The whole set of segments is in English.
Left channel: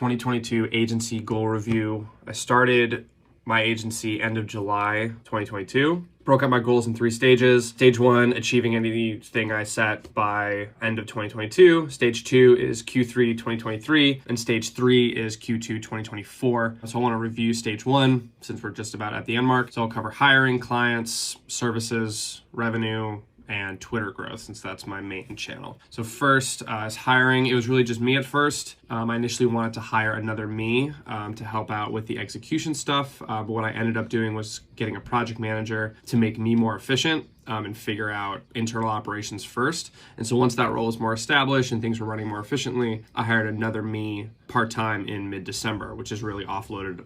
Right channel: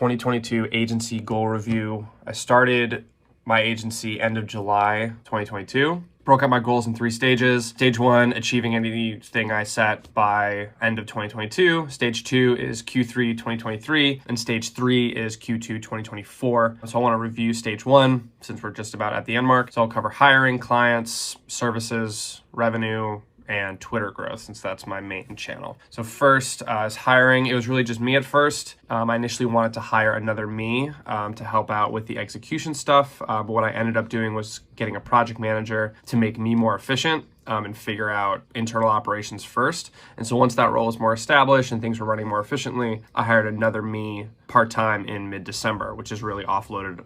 2022 agency goal review. I started my agency end of July 2022. Broke out my goals in 3 stages. Stage 1, achieving anything I set by end of 2022. Stage 2 is Q3 2023, and stage 3 is Q2 2024. So I want to review stage 1 since we're just about at the end mark. So I'll cover hiring, clients, services, revenue, and Twitter growth, since that's my main channel. So first is hiring. It was really just me at first. I initially wanted to hire another me to help out with the execution stuff, but what I ended up doing was getting a project manager to make me more efficient and figure out internal operations first. And so once that role was more established and things were running more efficiently, I hired another me part-time in mid-December, which has really offloaded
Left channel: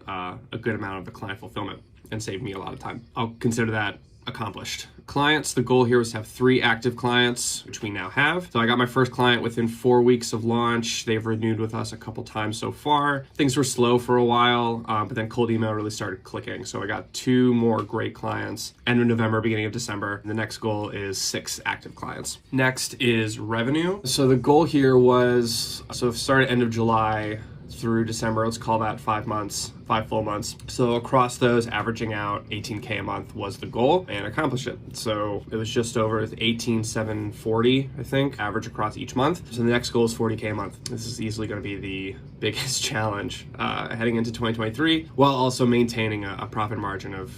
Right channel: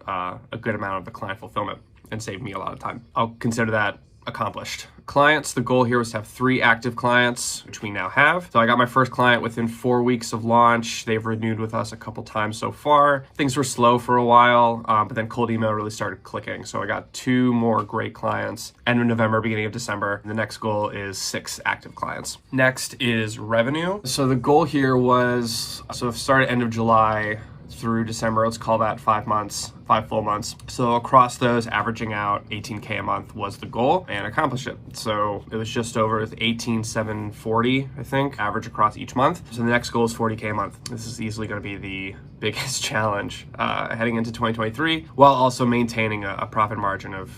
a good amount of the client fulfillment and saved me a lot of time. I'll consider that accomplished. Clients, the goal here was to have 3 active clients, which we now have. So I got my first client within 4 weeks of launch. They've renewed with us a couple times so far. Things were slow for a while, but then cold email really started clicking. So I got 2 more great clients, end of November, beginning of December. And the next goal is 6 active clients. Next is revenue. So the goal here was, so it started end of July through December, let's call that 5 months, 5 full months. So across those, averaging out 18K a month was the goal, and accomplished it. So it was just over 18,740, I think, average across each month. So the next goal is 40K a month. This is easily going to be the biggest challenge heading into 2023, while also maintaining a profit margin of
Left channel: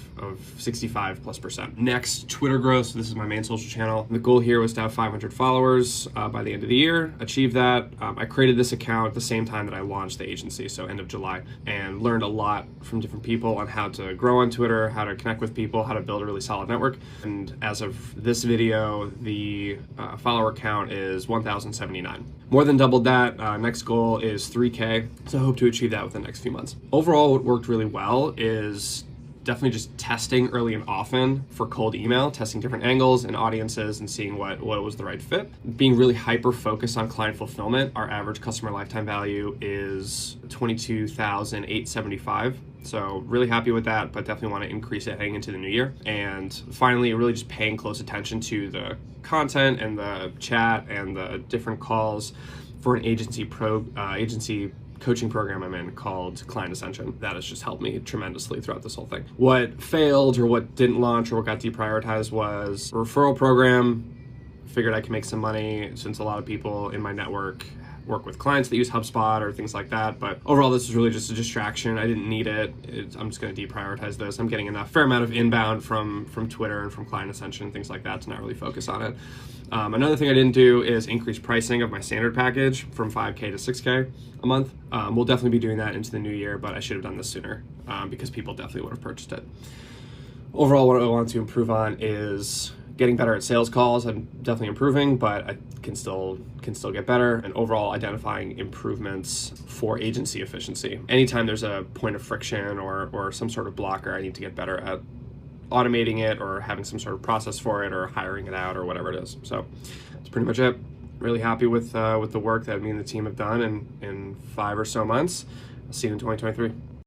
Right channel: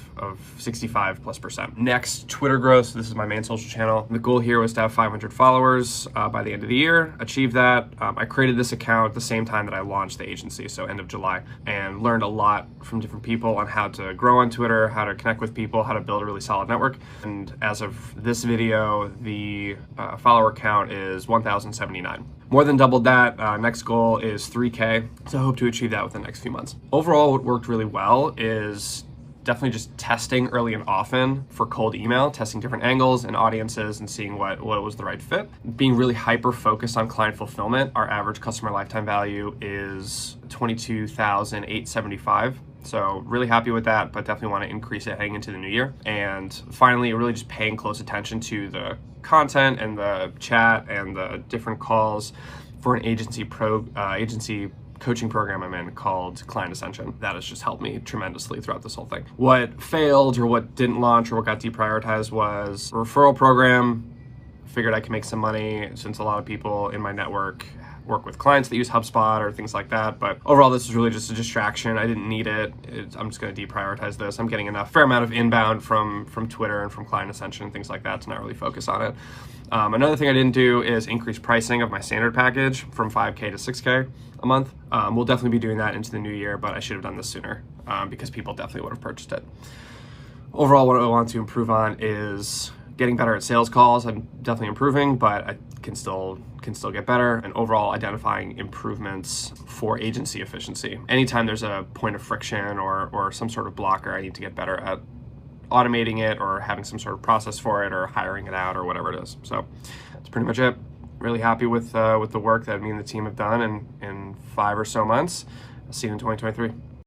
65+%. Next, Twitter growth. So this is my main social channel. The goal here was to have 500 followers by the end of the year. Achieve that. I created this account at the same time that I launched the agency, so end of July, and learned a lot from different people on how to grow on Twitter, how to connect with people, how to build a really solid network. And as of this video, the follower count is 1,079. More than doubled that. Next goal is 3K, so I hope to achieve that within the next few months. Overall, what worked really well is definitely just testing early and often for cold email, testing different angles and audiences and seeing what was the right fit. Being really hyper-focused on client fulfillment. Our average customer lifetime value is $22,875. So really happy with that, but definitely want to increase it heading into the new year. And finally, really just paying close attention to the content and the chat and the different calls for an agency coaching program I'm in called Client Ascension. That has just helped me tremendously throughout this whole thing. What failed or what didn't launch or what got deprioritized was a referral program. Figured I could make some money since a lot of people in my network work with clients that use HubSpot or things like that. But overall, this is really just a distraction. I didn't need it. I'm just going to deprioritize this. I'm getting fair amount of inbound from Twitter and from Client Ascension, things like that, to not really focus on it. Another thing I didn't do is increase pricing of my standard package from 5K to 6K a month. We'll definitely be doing that into the new year, but I should have done this sooner because people definitely would have purchased it. Overall, what I want to improve on is getting better at sales calls. I'm definitely improving, but I can still get better, and overall identifying improvements for agency efficiency. Anytime there's a point of friction or some sort of blocker, I need to get better at automating it or having some sort of process for it or hiring it out or whatever it is. So that's pretty much it. Really happy with the work that me and the team have done in 5 or so months. See you in 2023.